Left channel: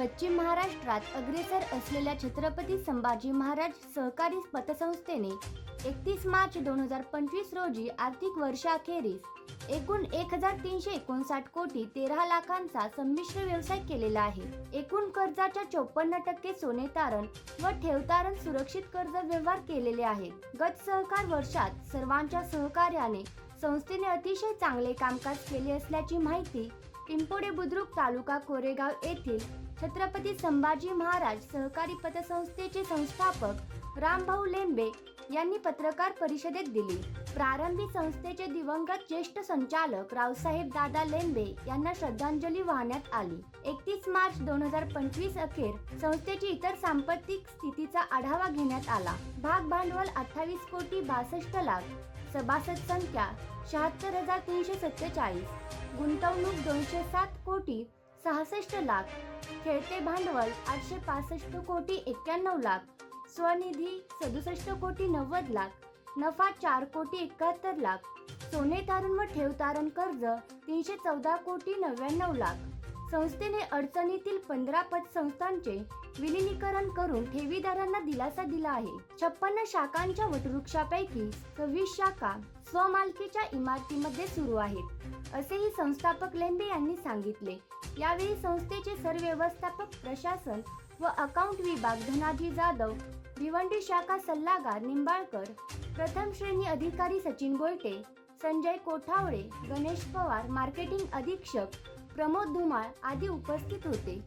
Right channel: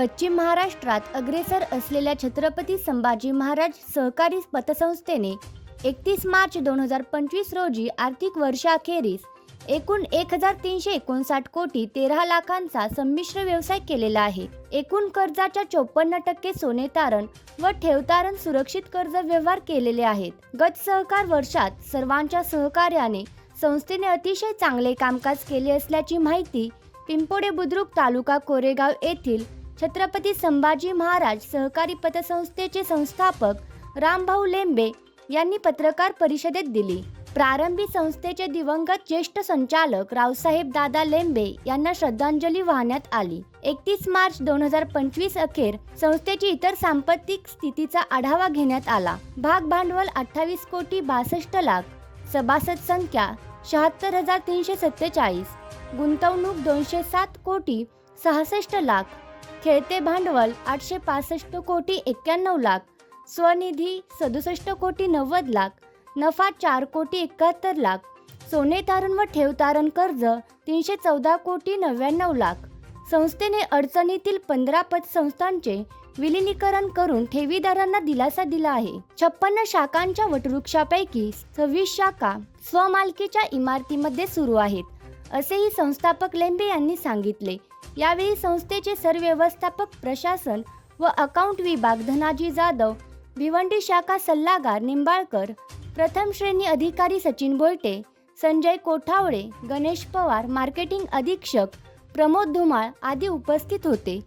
पश्चिम महाराष्ट्रात अग्रेसर असलेल्या छत्रपती संभाजी महाराज सहकारी पतसंस्थेने एकतीस मार्च दोन हजार पंचवीस रोजी आर्थिक वर्षाअखेरीस एकूण एक हजार तीनशे एकोणसाठ कोटी तेरा लाखांचा संमिश्र व्यवसाय केलेला आहे. एकूण कर्जाच्या चोपन्न टक्के सोने तारण व ठेवतारण सुरक्षित कर्ज व्यवहार केलेले आहेत. गत सहकार वर्षात सर्वांच्या सहकार्याने संस्थेने अतिशय चांगले कामकाज केले असल्याची माहिती पिंपोडे बुद्रुक तालुका कोरेगाव येथील छत्रपती संभाजी महाराज सहकारी पतसंस्थेचे संस्थापक रामभाऊ लेंबे यांनी पत्रकार परिषदेत दिली. प्रारंभी संस्थेचे दिवंगत ज्येष्ठ संचालक रावसाहेब दादा लेंबे यांना श्रद्धांजली वाहण्यात आली. एकतीस मार्च दोन हजार पंचवीस अखेर संस्थेची इतर सांपत्तिक स्थितीचा आढावा घेण्यात आला. भाग भांडवल अठ्ठावीस कोटी बासष्ट लाख सभासद संख्या शहात्तर हजार तीनशे सत्तेचाळीस गुंतवणूक दोनशे सात कोटी सहासष्ट लाख खेळते भांडवल आठशे पासष्ट कोटी एक्क्याण्णव लाख. स्वनिधी सदुसष्ट कोटी नव्वद लाख. नफा चार कोटी एकाहत्तर लाख. सोने तारण व ठेव तारण कर्ज तीनशे चौदा कोटी नव्याण्णव लाख. संस्थेने अडचणीतील पंधरा पतसंस्थांचे विलिनीकरण करून ठेवीदारांना दिलासा दिला आहे. छप्पन्न शाखांच्या वटवृक्षापैकी सव्वीस शाखा स्वमालकीच्या इमारतीमध्ये सुरू आहेत असेही संस्थापक लेंबे यांनी सांगितले. यावेळी संस्थेचे सरव्यवस्थापक प्रशासन व अकाउंट विभाग धनाजी जाधव भिवंडी शाखा सल्लागार निंबाळकर प्रथम श्रेणी अधिकारी सचिन बोयटे संजय कोठावळे गणेश पवार मार्केटिंग अधीक्षक प्रमोद धुमाळ आदी उपस्थित होते.